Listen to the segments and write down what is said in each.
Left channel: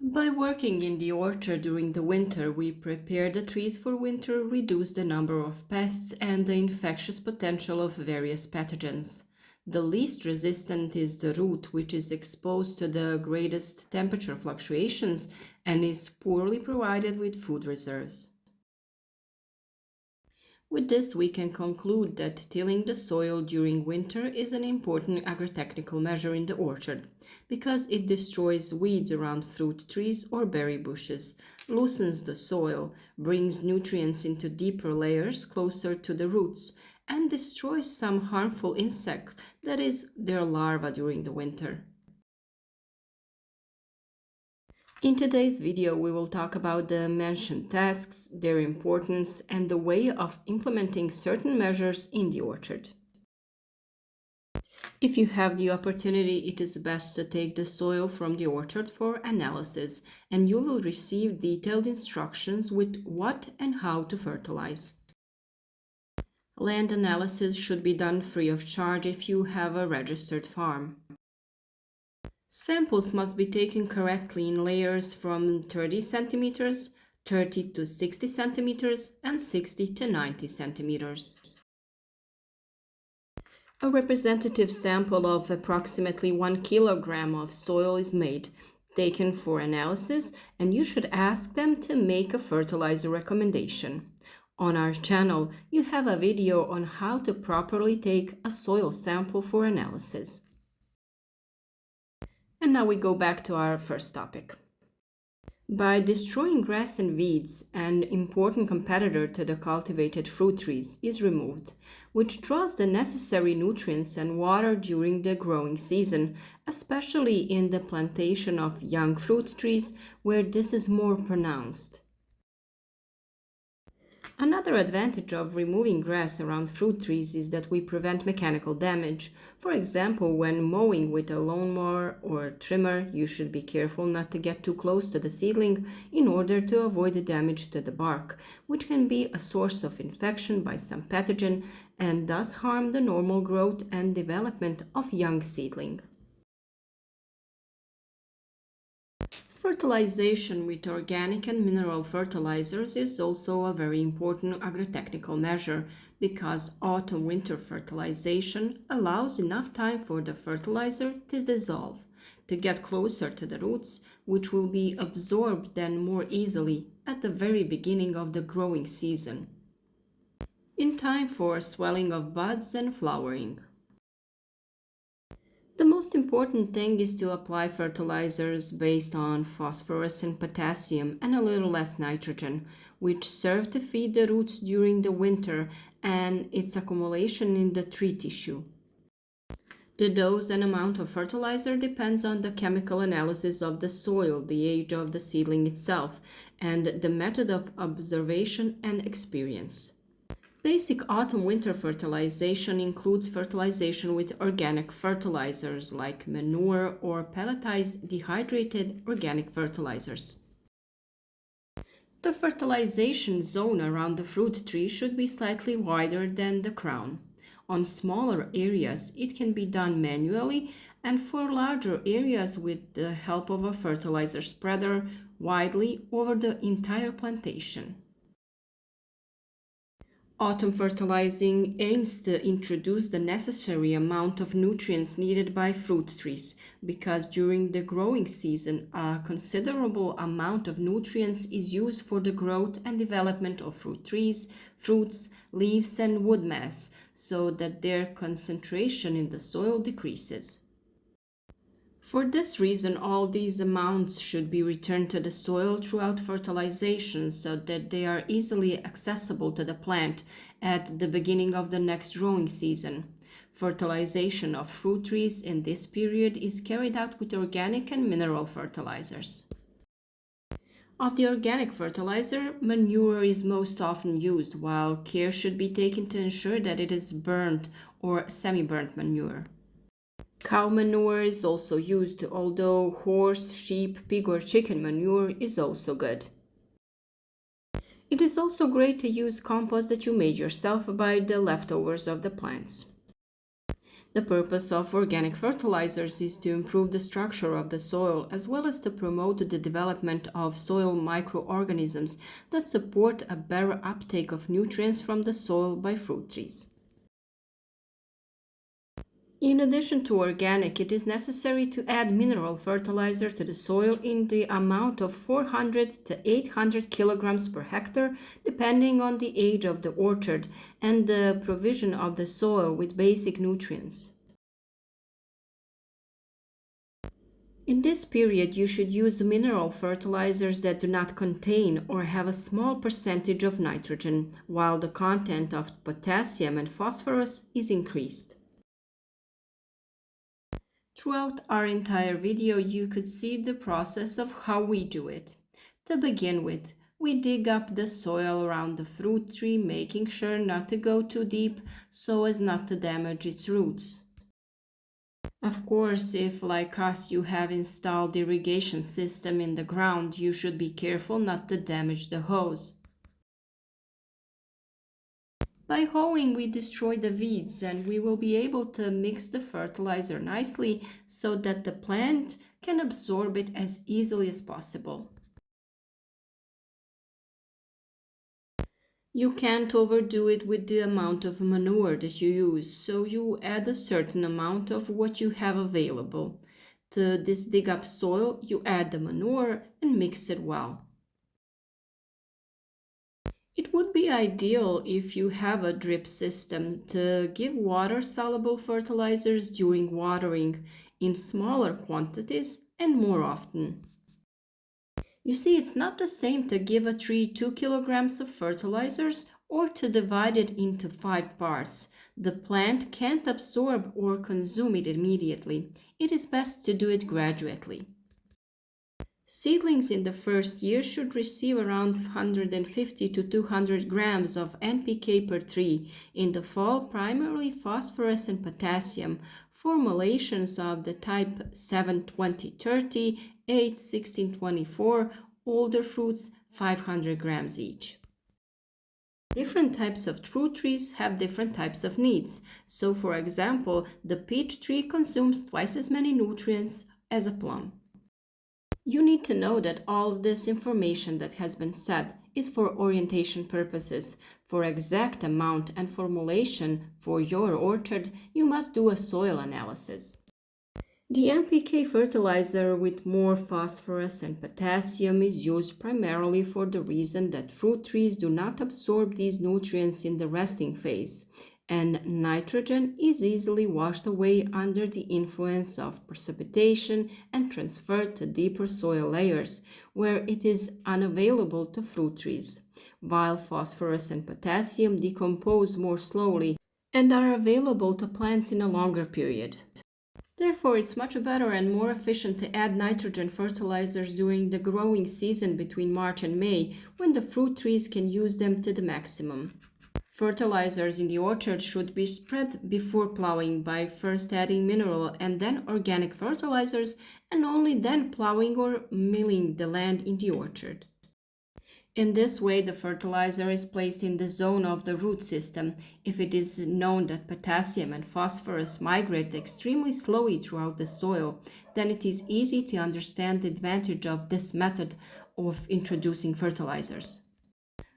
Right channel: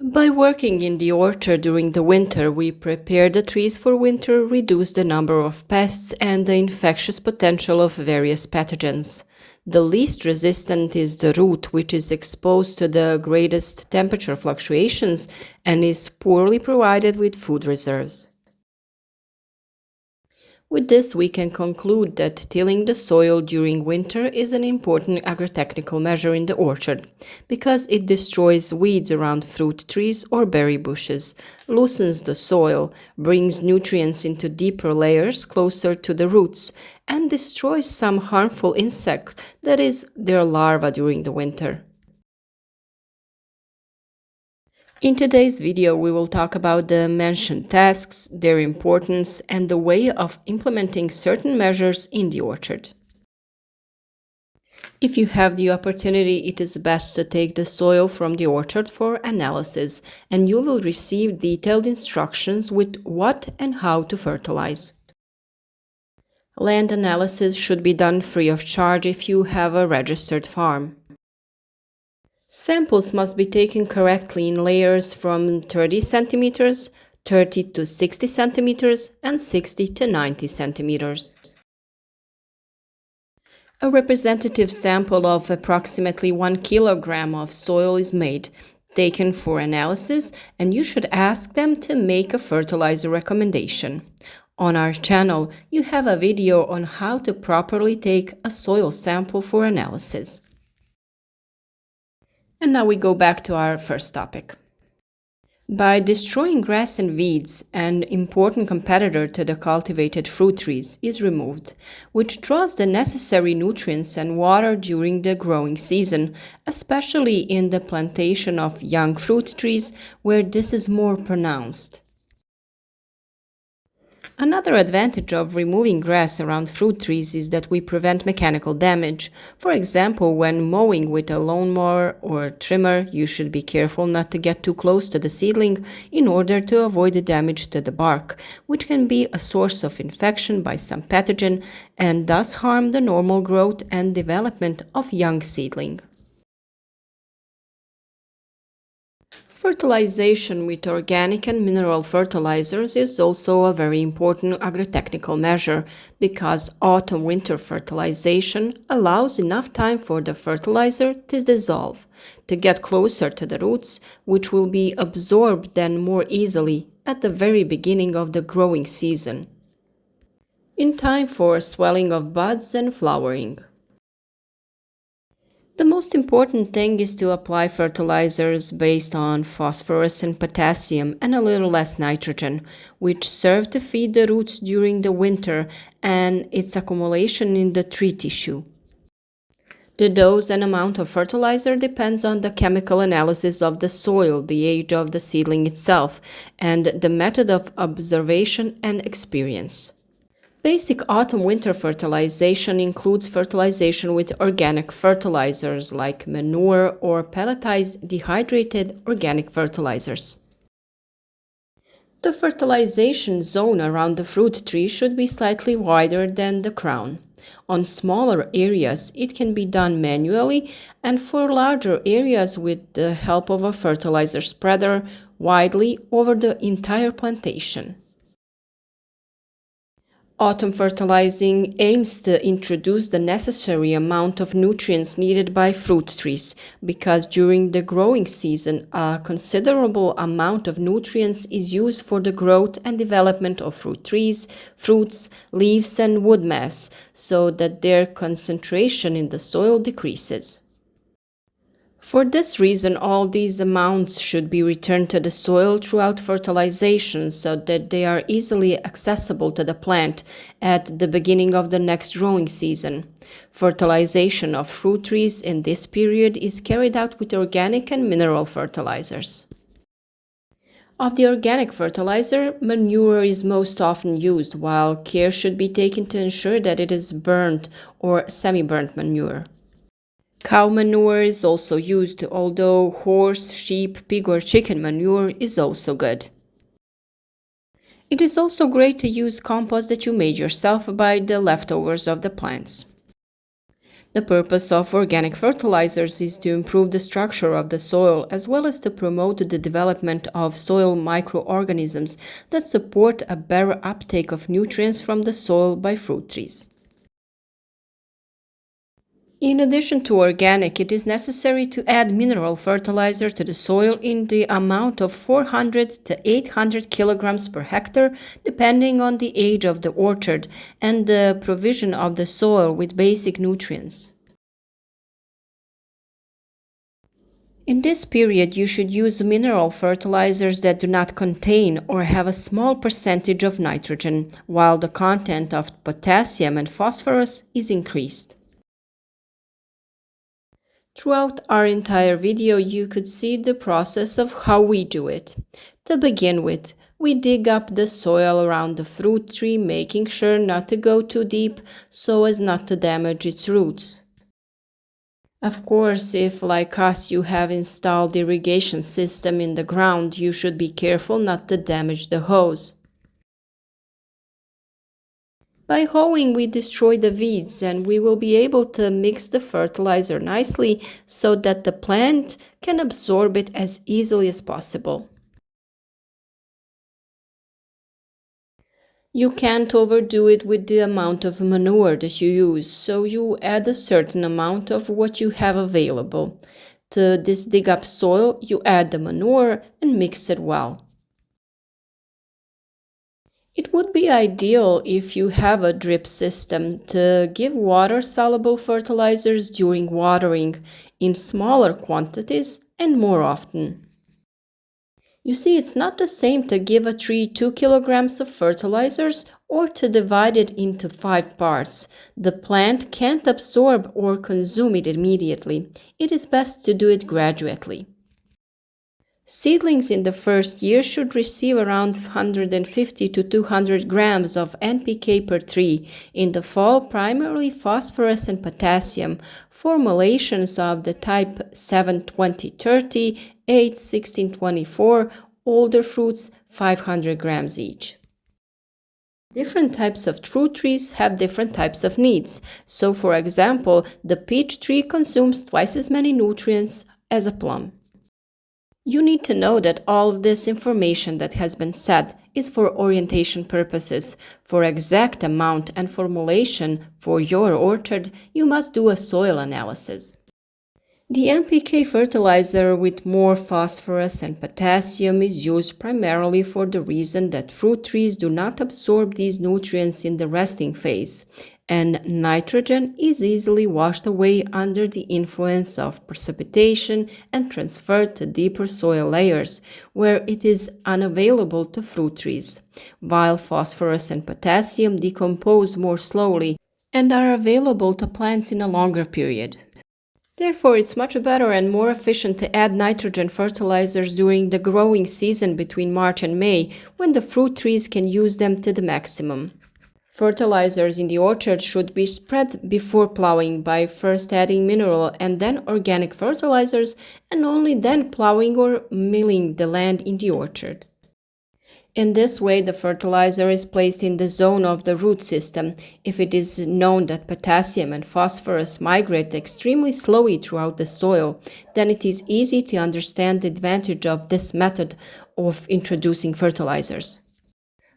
By working in the orchard during the winter, we prepare the trees for winter, reduce the number of pests and the infectious potential of various pathogens. The least resistant is the root, which is exposed to the greatest temperature fluctuations and is poorly provided with food reserves. With this, we can conclude that tilling the soil during winter is an important agrotechnical measure in the orchard because it destroys weeds around fruit trees or berry bushes, loosens the soil, brings nutrients into deeper layers closer to the roots, and destroys some harmful insects, that is, their larvae during the winter. In today's video, we will talk about the mentioned tasks, their importance, and the way of implementing certain measures in the orchard. If you have the opportunity, it is best to take the soil from the orchard for analysis, and you will receive detailed instructions with what and how to fertilize. Land analysis should be done free of charge if you have a registered farm. Samples must be taken correctly in layers from 30 centimeters, 30 to 60 centimeters, and 60 to 90 centimeters. A representative sample of approximately 1 kilogram of soil is made, taken for analysis, and you should ask them to make a fertilizer recommendation. On our channel, you have a video on how to properly take a soil sample for analysis. And now we go back to our first topic. By destroying grass and weeds, an important competitor to the cultivated fruit trees is removed, which draws the necessary nutrients and water during the growing season, especially in the plantation of young fruit trees where this is more pronounced. Another advantage of removing grass around fruit trees is that we prevent mechanical damage. For example, when mowing with a lawnmower or trimmer, you should be careful not to get too close to the seedling in order to avoid the damage to the bark, which can be a source of infection by some pathogen and thus harm the normal growth and development of young seedling. Fertilization with organic and mineral fertilizers is also a very important agrotechnical measure because autumn-winter fertilization allows enough time for the fertilizer to dissolve, to get closer to the roots, which will be absorbed then more easily at the very beginning of the growing season, in time for swelling of buds and flowering. The most important thing is to apply fertilizers based on phosphorus and potassium and a little less nitrogen, which serve to feed the roots during the winter and its accumulation in the tree tissue. The dose and amount of fertilizer depends on the chemical analysis of the soil, the age of the seedling itself, and the method of observation and experience. Basic autumn-winter fertilization includes fertilization with organic fertilizers like manure or pelletized dehydrated organic fertilizers. The fertilization zone around the fruit tree should be slightly wider than the crown. On smaller areas, it can be done manually, and for larger areas with the help of a fertilizer spreader widely over the entire plantation. Autumn fertilizing aims to introduce the necessary amount of nutrients needed by fruit trees because during the growing season a considerable amount of nutrients is used for the growth and development of fruit trees, fruits, leaves and wood mass so that their concentration in the soil decreases. For this reason, all these amounts should be returned to the soil throughout fertilization so that they are easily accessible to the plant at the beginning of the next growing season. Fertilization of fruit trees in this period is carried out with organic and mineral fertilizers. Of the organic fertilizer, manure is most often used, while care should be taken to ensure that it is burnt or semi-burnt manure. Cow manure is also used, although horse, sheep, pig or chicken manure is also good. It is also great to use compost that you made yourself by the leftovers of the plants. The purpose of organic fertilizers is to improve the structure of the soil as well as to promote the development of soil microorganisms that support a better uptake of nutrients from the soil by fruit trees. In addition to organic, it is necessary to add mineral fertilizer to the soil in the amount of 400 to 800 kilograms per hectare, depending on the age of the orchard and the provision of the soil with basic nutrients. In this period, you should use mineral fertilizers that do not contain or have a small percentage of nitrogen, while the content of potassium and phosphorus is increased. Throughout our entire video, you could see the process of how we do it. To begin with, we dig up the soil around the fruit tree, making sure not to go too deep so as not to damage its roots. Of course, if like us you have installed irrigation system in the ground, you should be careful not to damage the hose. By hoeing, we destroy the weeds and we will be able to mix the fertilizer nicely so that the plant can absorb it as easily as possible. You can't overdo it with the amount of manure that you use, so you add a certain amount of what you have available. To this dig up soil, you add the manure and mix it well. It would be ideal if you have a drip system to give water-soluble fertilizers during watering in smaller quantities and more often. You see, it's not the same to give a tree 2 kilograms of fertilizers or to divide it into 5 parts. The plant can't absorb or consume it immediately. It is best to do it gradually. Seedlings in the first year should receive around 150 to 200 grams of NPK per tree. In the fall, primarily phosphorus and potassium. Formulations of the type 7-20-30, 8-16-24, older fruits 500 grams each. Different types of fruit trees have different types of needs. So, for example, the peach tree consumes twice as many nutrients as a plum. You need to know that all of this information that has been said is for orientation purposes. For exact amount and formulation for your orchard, you must do a soil analysis. The NPK fertilizer with more phosphorus and potassium is used primarily for the reason that fruit trees do not absorb these nutrients in the resting phase, and nitrogen is easily washed away under the influence of precipitation and transferred to deeper soil layers, where it is unavailable to fruit trees, while phosphorus and potassium decompose more slowly and are available to plants in a longer period. Therefore, it's much better and more efficient to add nitrogen fertilizers during the growing season between March and May, when the fruit trees can use them to the maximum. Fertilizers in the orchard should be spread before plowing by first adding mineral and then organic fertilizers, and only then plowing or milling the land in the orchard. In this way, the fertilizer is placed in the zone of the root system. If it is known that potassium and phosphorus migrate extremely slowly throughout the soil, then it is easy to understand the advantage of this method of introducing fertilizers.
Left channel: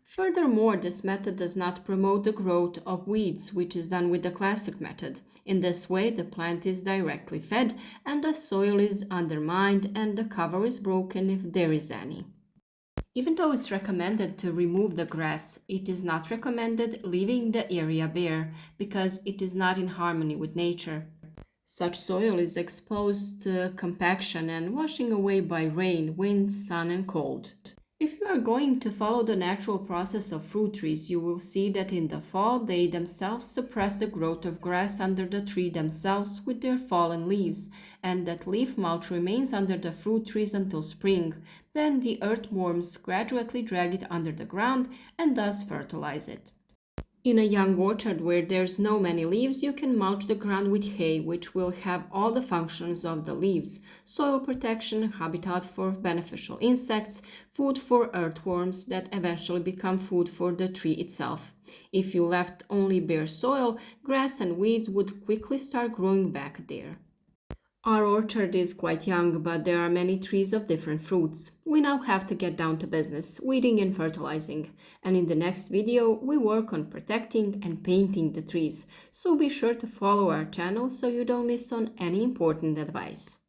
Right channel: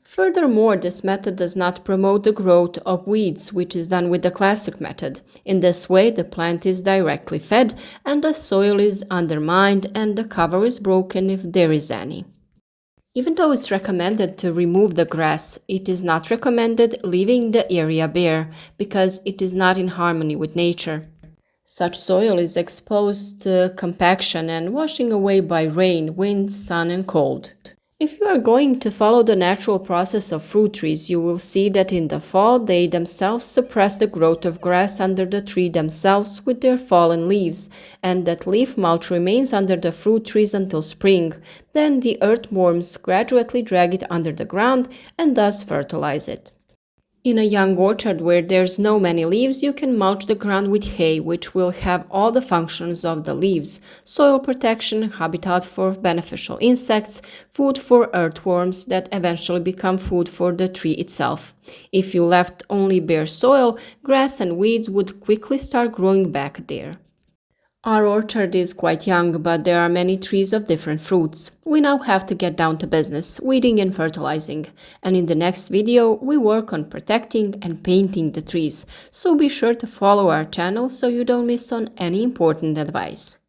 Furthermore, this method does not promote the growth of weeds, which is done with the classic method. In this way, the plant is directly fed and the soil is undermined and the cover is broken if there is any. Even though it's recommended to remove the grass, it is not recommended leaving the area bare because it is not in harmony with nature. Such soil is exposed to compaction and washing away by rain, wind, sun, and cold. If you are going to follow the natural process of fruit trees, you will see that in the fall they themselves suppress the growth of grass under the tree themselves with their fallen leaves, and that leaf mulch remains under the fruit trees until spring. Then the earthworms gradually drag it under the ground and thus fertilize it. In a young orchard where there's no many leaves, you can mulch the ground with hay, which will have all the functions of the leaves: soil protection, habitat for beneficial insects, food for earthworms that eventually become food for the tree itself. If you left only bare soil, grass and weeds would quickly start growing back there. Our orchard is quite young, but there are many trees of different fruits. We now have to get down to business, weeding and fertilizing. And in the next video, we work on protecting and painting the trees. So be sure to follow our channel so you don't miss on any important advice.